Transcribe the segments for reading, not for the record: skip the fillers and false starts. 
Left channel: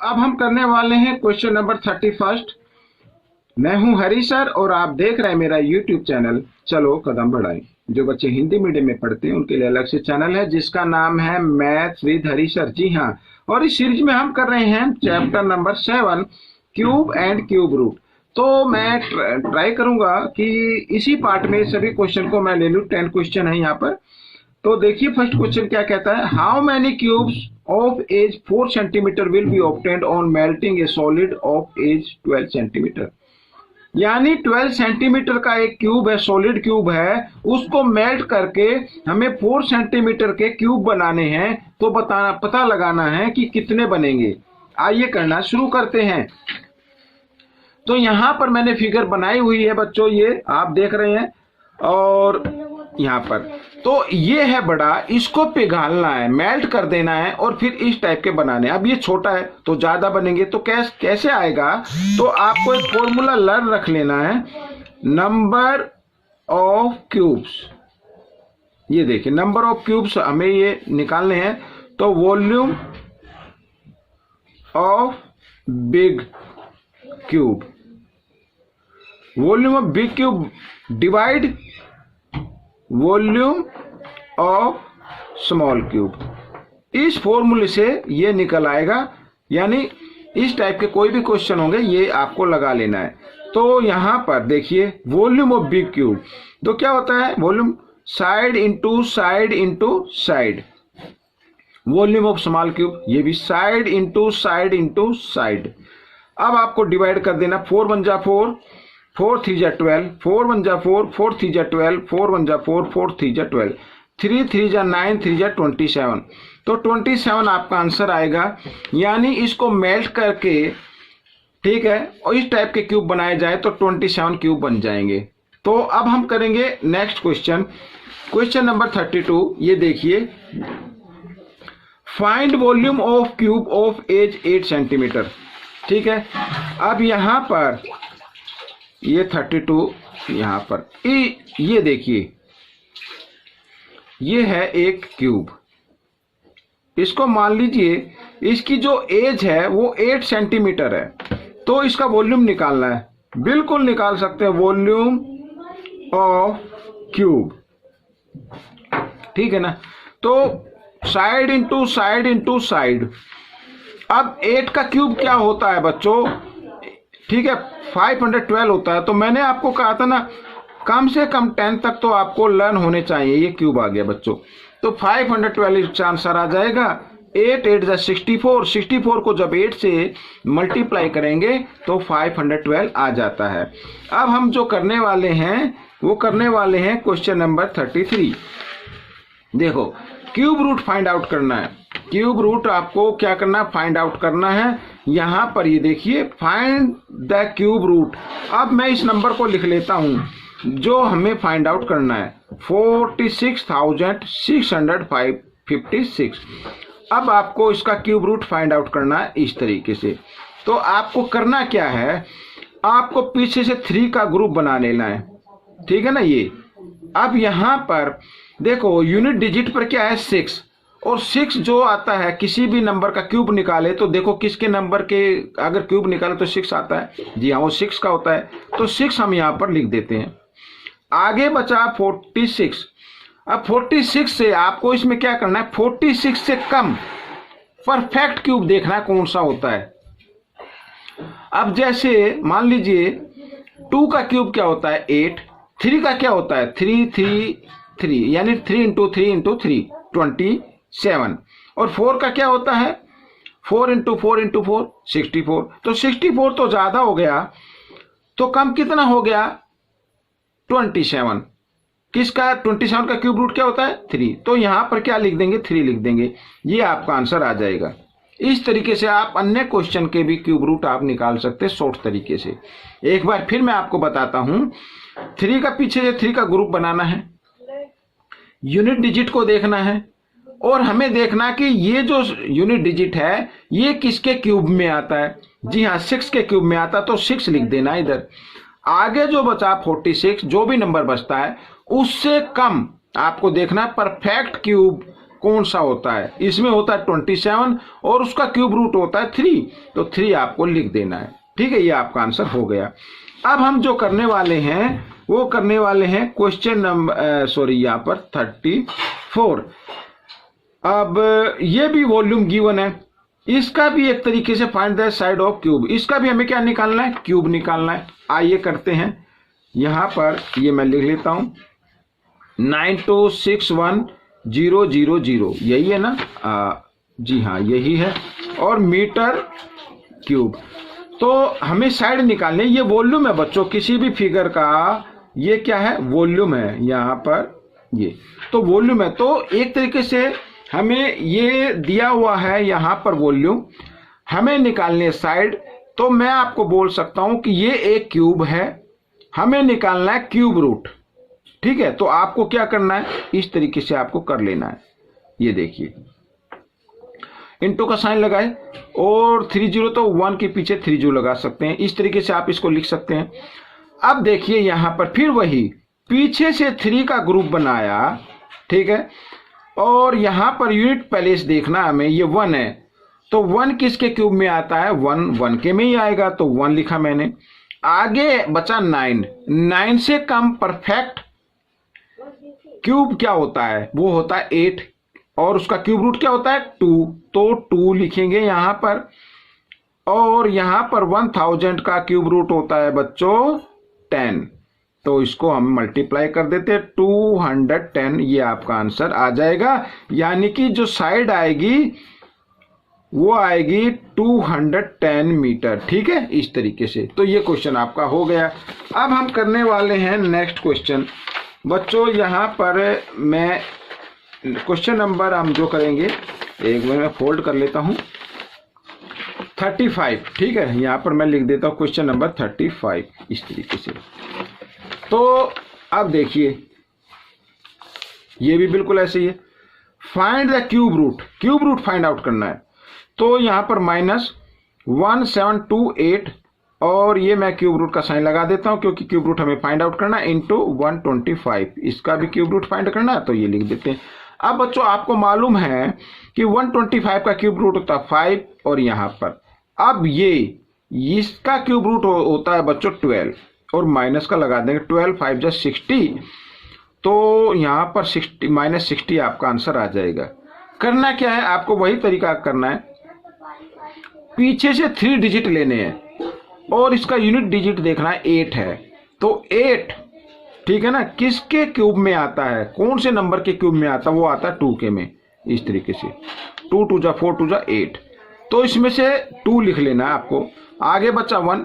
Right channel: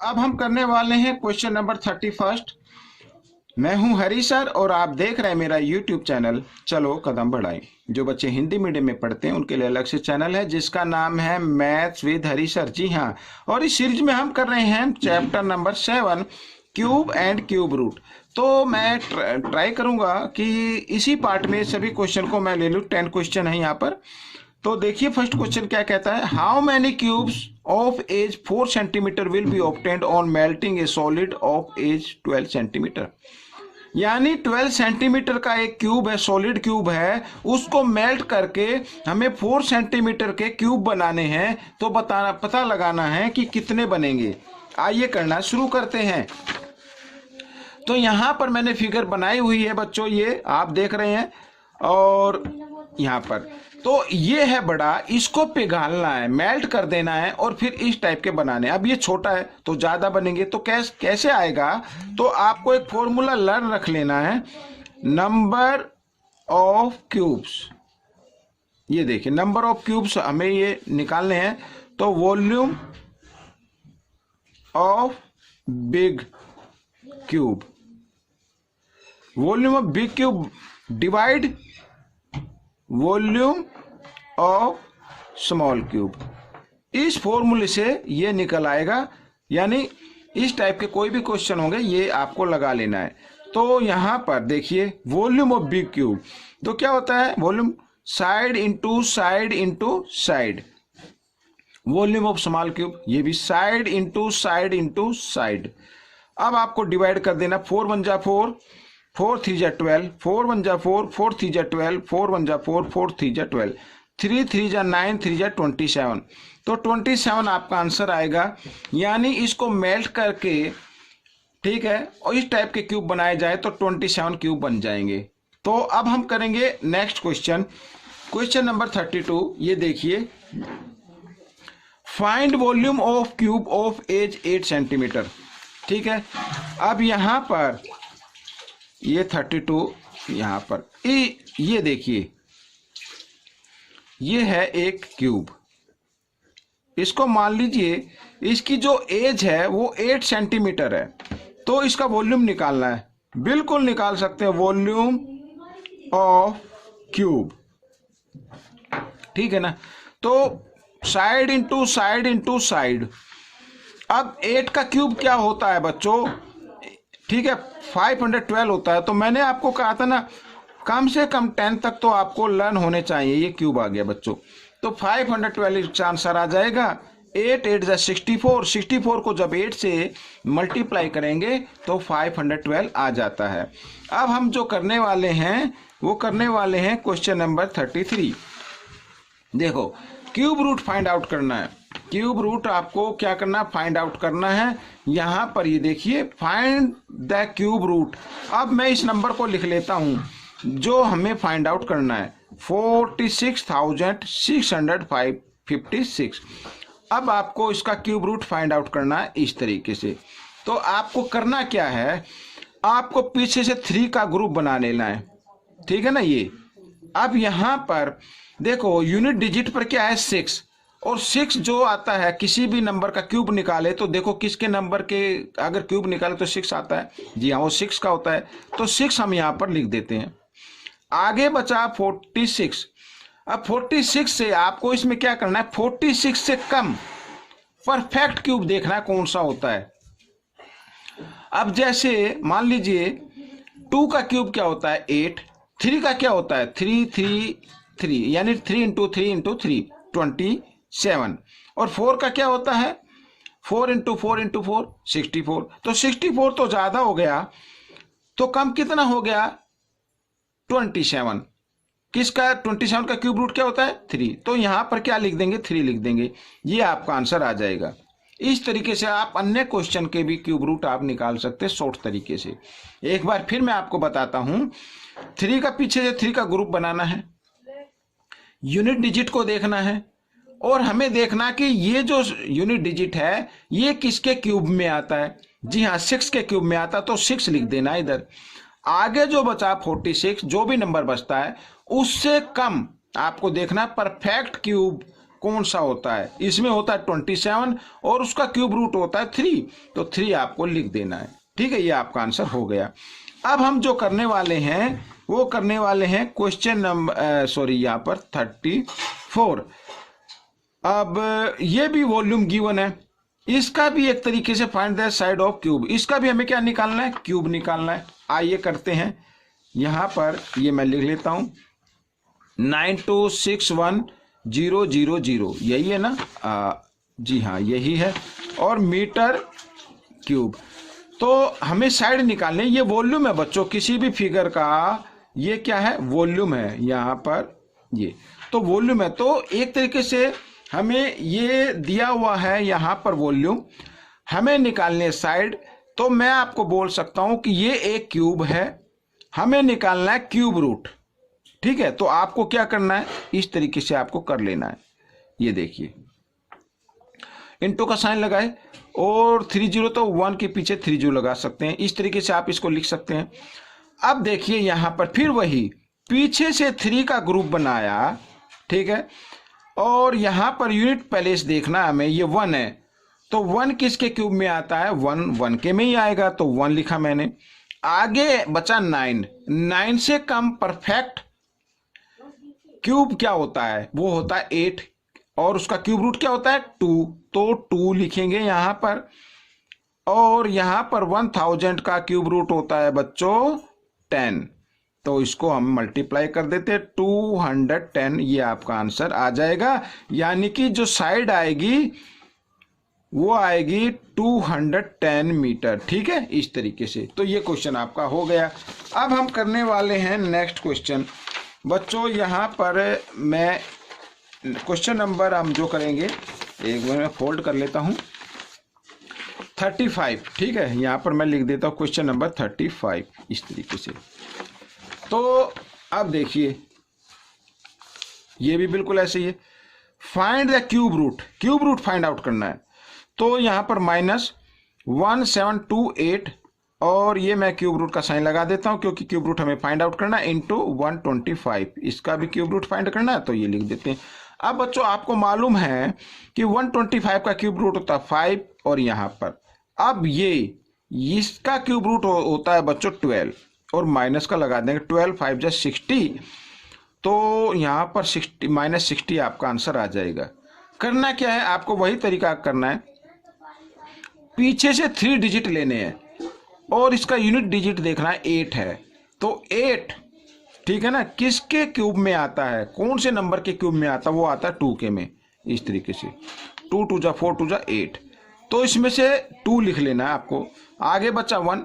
अब हम करने वाले हैं क्वेश्चन नंबर 31। मैं हूं हरी सर और आप देख रहे हैं मेरा यूट्यूब चैनल चलो कदम बढ़ाएं। जो बच्चे हिंदी मीडियम में पढ़ते हैं उनके लिए अलग से चैनल है जिसका नाम है मैथ्स विद हरी सर। जी हाँ, और इस सीरीज में हम कर रहे हैं chapter number 7 cube and cube root. तो मैं ट्राई करूंगा कि इसी पार्ट में सभी क्वेश्चन को मैं ले लूं। 10 क्वेश्चन है यहाँ पर। तो देखिए फर्स्ट क्वेश्चन क्या कहता है, how many cubes of edge 4 centimetre will be obtained on melting a solid of edge 12 centimetre. यानी 12 सेंटीमीटर का एक क्यूब है, सॉलिड क्यूब है, उसको मेल्ट करके हमें 4 सेंटीमीटर के क्यूब बनाने हैं। तो पता लगाना है कि कितने बनेंगे। आइए करना शुरू करते हैं। तो यहां पर मैंने फिगर बनाई हुई है बच्चों, ये आप देख रहे हैं। और यहाँ पर तो ये है बड़ा, इसको पिघालना है, मेल्ट कर देना है और फिर इस टाइप के बनाने। अब ये छोटा है तो ज्यादा बनेंगे। तो कैसे आएगा, तो आपको एक फॉर्मूला लर्न रख लेना है, नंबर ऑफ क्यूब्स। ये देखिए नंबर ऑफ क्यूब्स हमें ये निकालने हैं। तो volume of big cube, volume of big cube divide volume of small cube. इस फॉर्मूले से ये निकल आएगा। यानी इस टाइप के कोई भी क्वेश्चन होंगे ये आपको लगा लेना है। तो यहां पर देखिए वॉल्यूम ऑफ बिग क्यूब, तो क्या होता है, volume side into side into side. Volume of small cube ये भी side into side into side. अब आपको डिवाइड कर देना, 4 1 जा 4, 4 3 जा 12, 4 1 जा 4, 4 3 जा 12, 4 1 जा 4, 4 3 जा 12, 3 3 जा 9, 3 जा 27। तो 27 आपका आंसर आएगा। यानी इसको मेल्ट करके, ठीक है, और इस टाइप के क्यूब बनाए जाए तो 27 क्यूब बन जाएंगे। तो अब हम करेंगे नेक्स्ट क्वेश्चन, क्वेश्चन नंबर 32। ये देखिए, find volume of cube of edge 8 centimetre. ठीक है, अब यहां पर ये 32, यहां पर ये देखिए, ये है एक क्यूब। इसको मान लीजिए इसकी जो एज है वो 8 सेंटीमीटर है। तो इसका वॉल्यूम निकालना है, बिल्कुल निकाल सकते हैं, वॉल्यूम ऑफ क्यूब। ठीक है ना। तो side into side into side. अब 8 का क्यूब क्या होता है बच्चों, ठीक है, 512 होता है। तो मैंने आपको कहा था ना, कम से कम 10 तक तो आपको लर्न होने चाहिए। ये क्यूब आ गया बच्चों, तो 512 आंसर आ जाएगा। 8 8 जा 64, 64 को जब 8 से मल्टीप्लाई करेंगे तो 512 आ जाता है। अब हम जो करने वाले हैं वो करने वाले हैं क्वेश्चन नंबर 33। देखो, क्यूब रूट फाइंड आउट करना है। क्यूब रूट आपको क्या करना, फाइंड आउट करना है। यहां पर ये देखिए, फाइंड द क्यूब रूट। अब मैं इस नंबर को लिख लेता हूं जो हमें फाइंड आउट करना है, 46,656। अब आपको इसका क्यूब रूट फाइंड आउट करना है इस तरीके से। तो आपको करना क्या है, आपको पीछे से 3 का ग्रुप बना लेना है। ठीक है ना। ये अब यहां पर देखो, यूनिट डिजिट पर क्या है, 6। और 6 जो आता है, किसी भी नंबर का क्यूब निकाले तो देखो किसके नंबर के अगर क्यूब निकाले तो 6 आता है। जी हाँ, वो 6 का होता है। तो 6 हम यहां पर लिख देते हैं। आगे बचा 46। अब 46 से आपको इसमें क्या करना है, 46 से कम परफेक्ट क्यूब देखना है कौन सा होता है। अब जैसे मान लीजिए 2 का क्यूब क्या होता है, 8। 3 का क्या होता है, 3 3 3, यानी 3 इंटू 3 इंटू 3 27। और 4 का क्या होता है, 4 इंटू 4 इंटू 4 64। तो 64 तो ज्यादा हो गया, तो कम कितना हो गया, 27। किसका, 27 का क्यूब रूट क्या होता है, 3। तो यहां पर क्या लिख देंगे, 3 लिख देंगे। ये आपका आंसर आ जाएगा। इस तरीके से आप अन्य क्वेश्चन के भी क्यूब रूट आप निकाल सकते हैं शॉर्ट तरीके से। एक बार फिर मैं आपको बताता हूं, 3 का पीछे से 3 का ग्रुप बनाना है, यूनिट डिजिट को देखना है, और हमें देखना कि ये जो यूनिट डिजिट है ये किसके क्यूब में आता है। जी हाँ, 6 के क्यूब में आता, तो 6 लिख देना इधर। आगे जो बचा 46, जो भी नंबर बचता है उससे कम आपको देखना परफेक्ट क्यूब कौन सा होता है? इसमें होता है 27 और उसका क्यूब रूट होता है 3, तो 3 आपको लिख देना है। ठीक है, ये आपका आंसर हो गया। अब हम जो करने वाले हैं वो करने वाले हैं क्वेश्चन नंबर यहाँ पर 34। अब ये भी वॉल्यूम गिवन है, इसका भी एक तरीके से find the side of cube, इसका भी हमें क्या निकालना है? क्यूब निकालना है। आइए करते हैं। यहां पर ये मैं लिख लेता हूं 9261000, यही है ना? जी हाँ, यही है। और मीटर क्यूब। तो हमें साइड निकालने, ये वॉल्यूम है बच्चों किसी भी फिगर का, ये क्या है? वॉल्यूम है यहाँ पर, ये तो वॉल्यूम है। तो एक तरीके से हमें ये दिया हुआ है यहाँ पर वॉल्यूम, हमें निकालने साइड। तो मैं आपको बोल सकता हूं कि ये एक क्यूब है, हमें निकालना है क्यूब रूट। ठीक है, तो आपको क्या करना है? इस तरीके से आपको कर लेना है। ये देखिए, इंटू का साइन लगाए और 30 तो 1 के पीछे 30 लगा सकते हैं, इस तरीके से आप इसको लिख सकते हैं। अब देखिए यहां पर फिर वही पीछे से 3 का ग्रुप बनाया, ठीक है, और यहां पर यूनिट प्लेस देखना हमें, ये 1 है, तो 1 किसके क्यूब में आता है? 1 के में ही आएगा, तो 1 लिखा मैंने। आगे बचा 9 से कम परफेक्ट क्यूब क्या होता है? वो होता है 8, और उसका क्यूब रूट क्या होता है? 2, तो 2 लिखेंगे यहां पर। और यहां पर 1000 का क्यूब रूट होता है बच्चों 10, तो इसको हम मल्टीप्लाई कर देते हैं 210, ये आपका आंसर आ जाएगा। यानी कि जो साइड आएगी वो आएगी 210 मीटर। ठीक है, इस तरीके से। तो ये क्वेश्चन आपका हो गया। अब हम करने वाले हैं नेक्स्ट क्वेश्चन बच्चों। यहां पर मैं क्वेश्चन नंबर हम जो करेंगे, एक मिनट में फोल्ड कर लेता हूं, 35। ठीक है, यहां पर मैं लिख देता हूं क्वेश्चन नंबर 35 इस तरीके से। तो अब देखिए ये भी बिल्कुल ऐसे ही है। Find the cube root, cube root find out करना है। तो यहां पर -1728, और ये मैं क्यूब रूट का साइन लगा देता हूं क्योंकि क्यूब रूट हमें फाइंड आउट करना है, इंटू 125, इसका भी क्यूब रूट फाइंड करना है, तो ये लिख देते हैं। अब बच्चों आपको मालूम है कि 125 का क्यूब रूट होता है 5, और यहां पर अब ये इसका क्यूब रूट होता है बच्चों 12, और माइनस का लगा देंगे 12 5 60, तो यहां पर 60 आपका आंसर आ जाएगा। करना क्या है? आपको वही तरीका करना है, पीछे से 3 डिजिट लेने हैं और इसका यूनिट डिजिट देखना है 8 है, तो 8, ठीक है ना, किसके क्यूब में आता है? कौन से नंबर के क्यूब में आता है? वो आता है 2 के में, इस तरीके से 2 2 जा 4 2 जा 8, तो इसमें से 2 लिख लेना है आपको। आगे बचा 1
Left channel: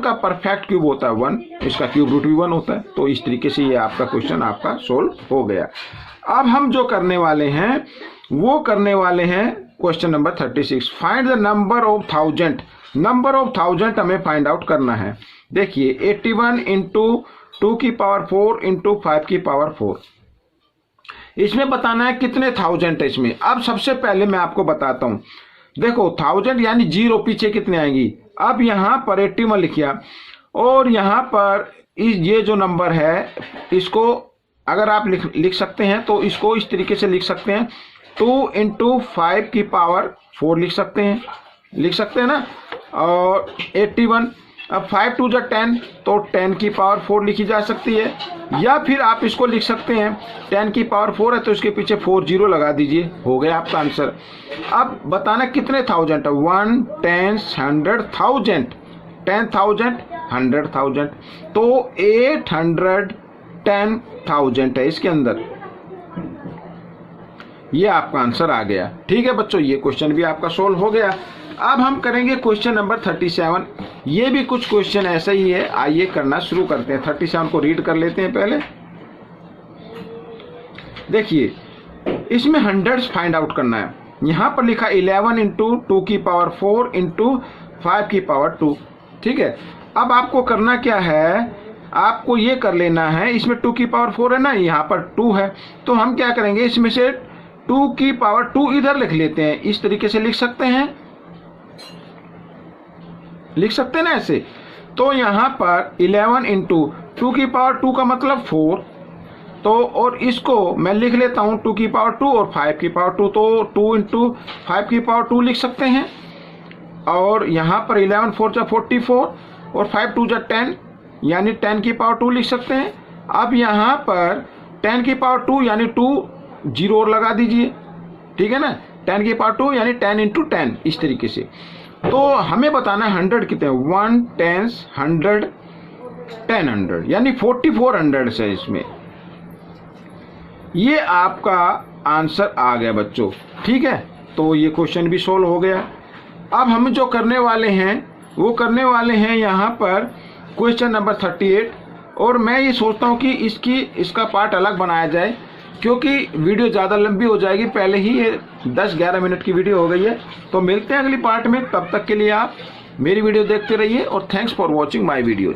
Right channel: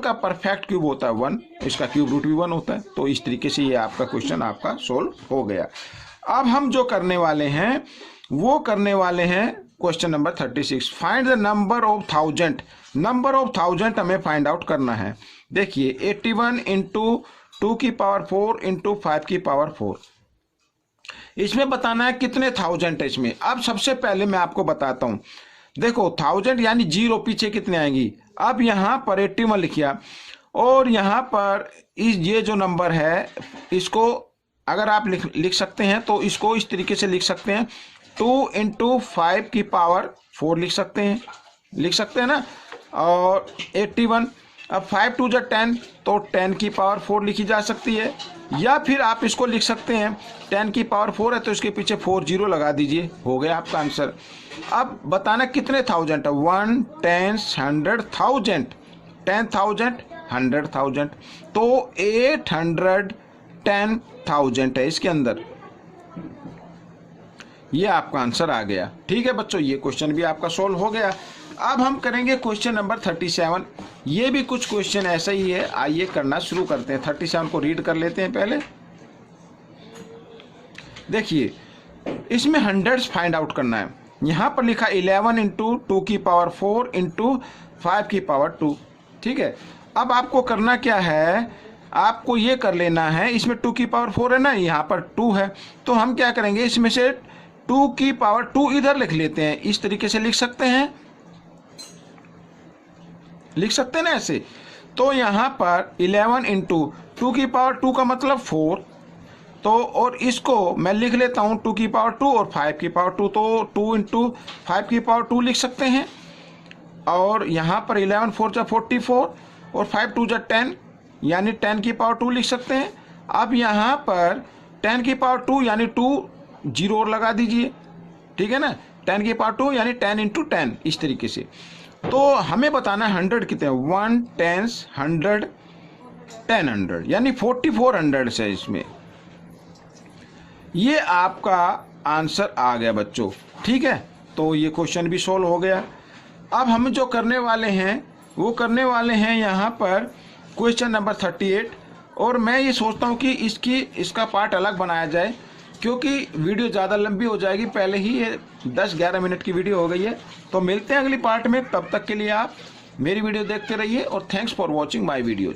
का परफेक्ट क्यूब होता है 1, इसका क्यूब रूट भी 1 होता है। तो इस तरीके से ये आपका क्वेश्चन आपका सोल्व हो गया। अब हम जो करने वाले हैं वो करने वाले हैं question number 36, find the number of 1000। Number of 1000 हमें फाइंड आउट करना है। देखिए 81 इंटू 2 की पावर 4 इंटू 5 की पावर 4, इसमें बताना है कितने 1000 है इसमें। अब सबसे पहले मैं आपको बताता हूं, देखो 1000 यानी 0 पीछे कितने आएंगी। अब यहां पर 81 लिखिया, और यहां पर ये जो नंबर है इसको अगर आप लिख सकते हैं तो इसको इस तरीके से लिख सकते हैं, 2 इंटू 5 की पावर 4 लिख सकते हैं ना, और 81। अब 5 2 जा 10, तो 10 की पावर 4 लिखी जा सकती है, या फिर आप इसको लिख सकते हैं 10 की पावर 4 है तो इसके पीछे 4 0 लगा दीजिए, हो गया आपका आंसर। अब बताना कितने 1000 है, 1 10 100,000, 10,000 100,000, तो 810,000 है इसके अंदर, ये आपका आंसर आ गया। ठीक है बच्चों, ये क्वेश्चन भी आपका सोल्व हो गया। अब हम करेंगे क्वेश्चन नंबर 37, ये भी कुछ क्वेश्चन ऐसा ही है, आइए करना शुरू करते हैं। 37 को रीड कर लेते हैं पहले। देखिए इसमें हंड्रेड्स फाइंड आउट करना है। यहां पर लिखा 11 इंटू 2 की पावर 4 इंटू 5 की पावर 2, ठीक है। अब आपको करना क्या है, आपको ये कर लेना है, इसमें 2 की पावर 4 है ना, यहाँ पर 2 है, तो हम क्या करेंगे, इसमें से 2 की पावर 2 इधर लिख लेते हैं, इस तरीके से लिख सकते हैं ना ऐसे। तो यहां पर 11 इंटू 2 की पावर 2 का मतलब 4, तो और इसको मैं लिख लेता हूँ 2 की पावर 2 और 5 की पावर 2, तो 2 इंटू 5 की पावर 2 लिख सकते हैं। और यहाँ पर 11 4 जा 44 और 5 2 जा 10 यानी 10 की पावर 2 लिख सकते हैं। अब यहाँ पर 10 की पावर 2 यानी 2 जीरो और लगा दीजिए, ठीक है ना। 10 की पावर 2 यानी 10 इंटू 10 इस तरीके से। तो हमें बताना है 100 कितने, 1 10 100 10 100 यानी 4400 है इसमें। ये आपका आंसर आ गया बच्चों, ठीक है। तो ये क्वेश्चन भी सोल्व हो गया। अब हम जो करने वाले हैं वो करने वाले हैं यहाँ पर क्वेश्चन नंबर 38। और मैं ये सोचता हूँ कि इसका पार्ट अलग बनाया जाए, क्योंकि वीडियो ज़्यादा लंबी हो जाएगी। पहले ही ये 10-11 मिनट की वीडियो हो गई है। तो मिलते हैं अगली पार्ट में, तब तक के लिए आप मेरी वीडियो देखते रहिए और thanks for watching my videos.